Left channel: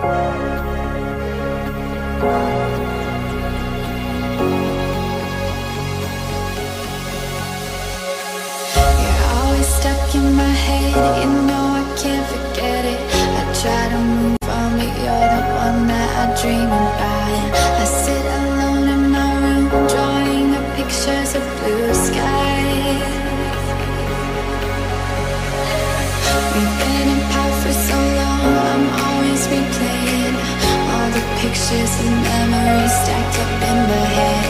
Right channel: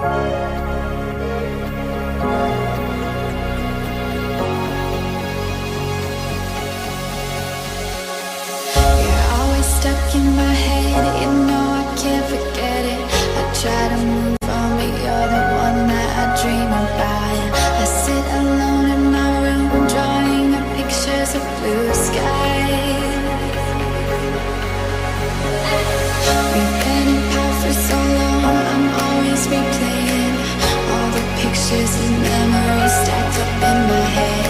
You're always stuck in my head, you know I can't forget it. I try to move on, but you're the one that I dream about. I sit alone in my room, drawing up pictures of blue skies. We've been apart for so long, I'm always replaying all the pictures and memories stacked up in my head.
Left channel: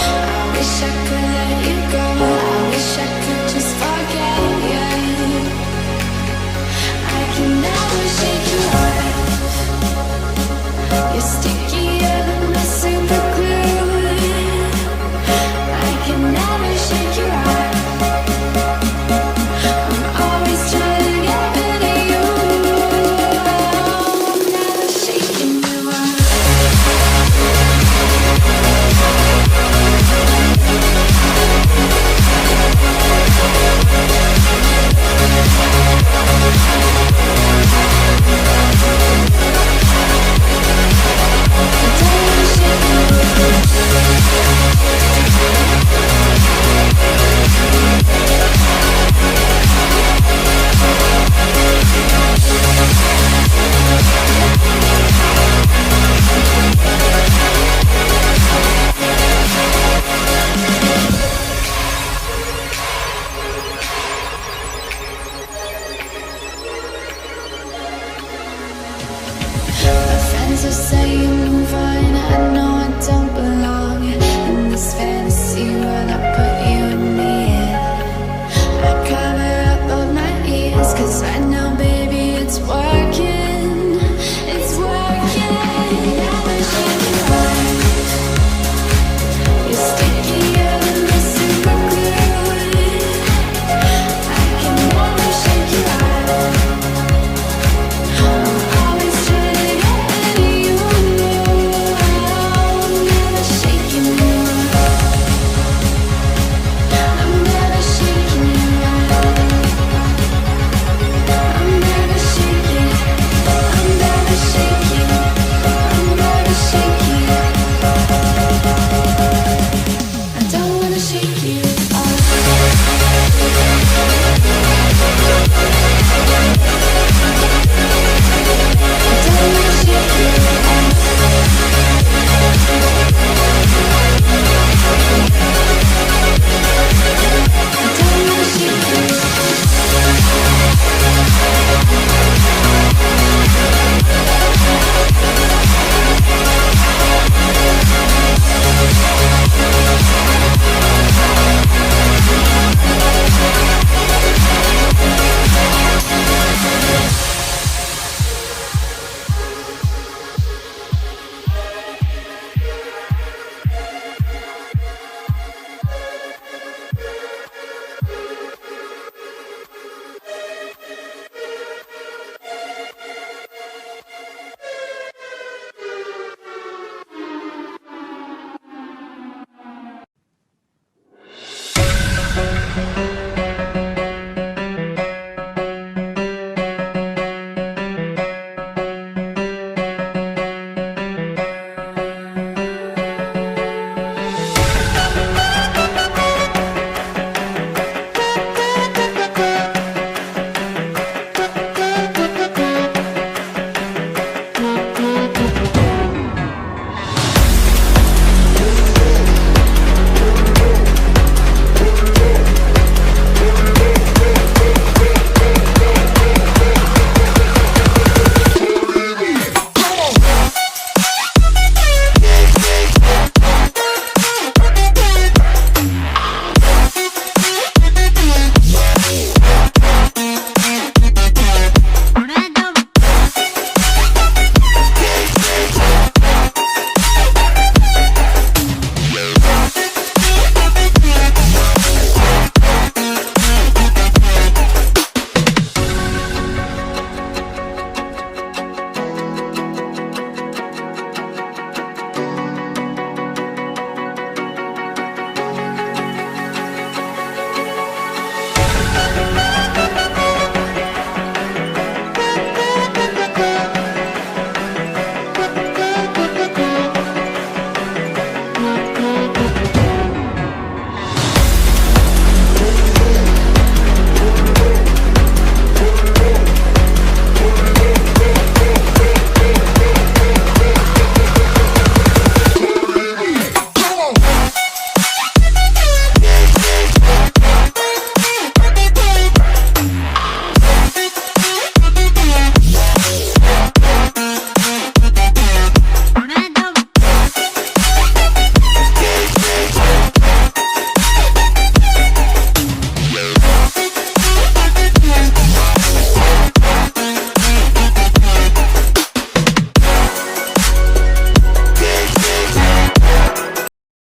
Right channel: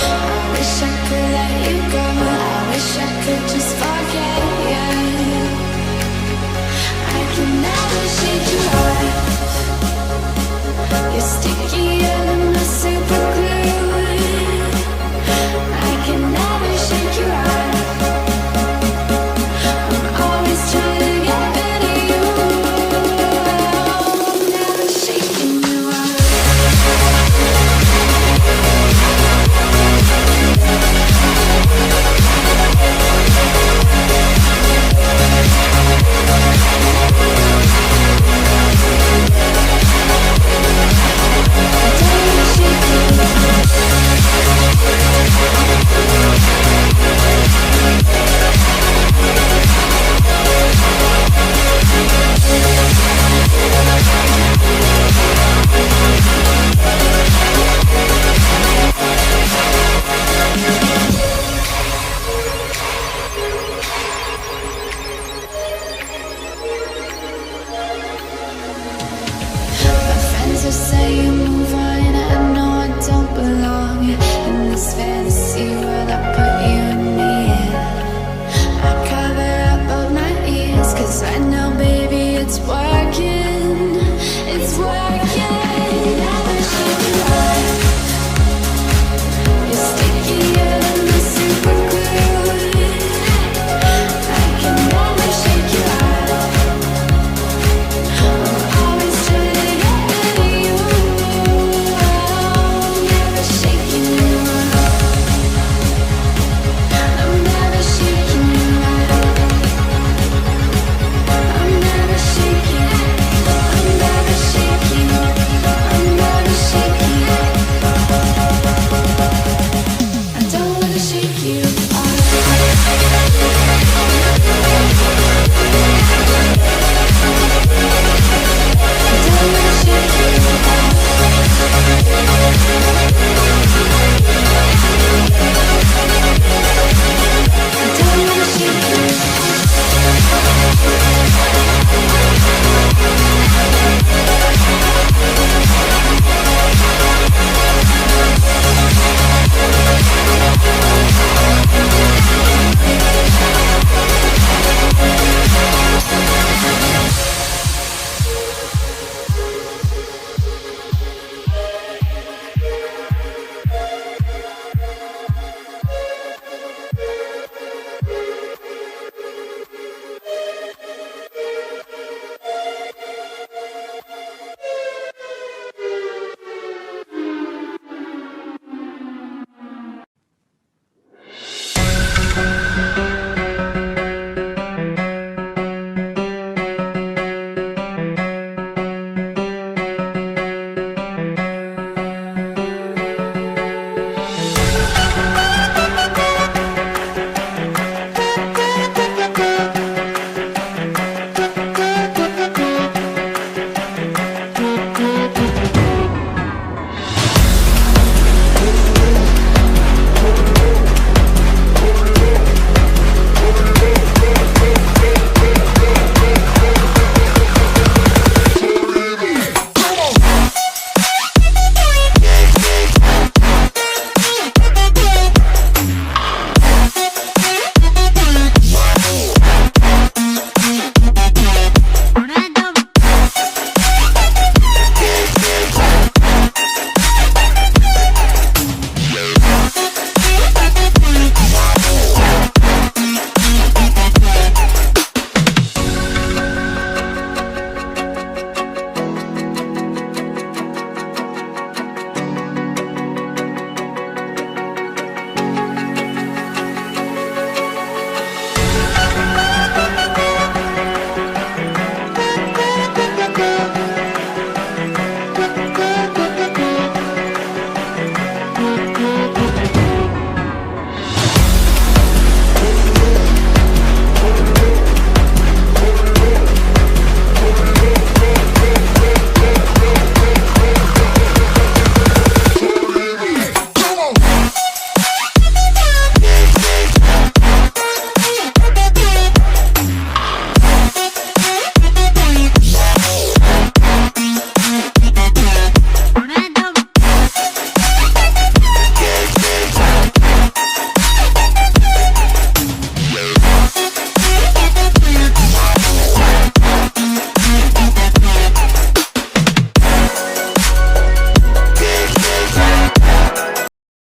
I wish I could let you go, I wish I could just forget you. I can never shake you off, you're stickier than my super glue. I can never shake you off, I'm always trying to get rid of you. I'm never shaking you off. So say you move on, I know I don't belong in this fantasy world I put you and me in. I cover up both my ears, 'cause I know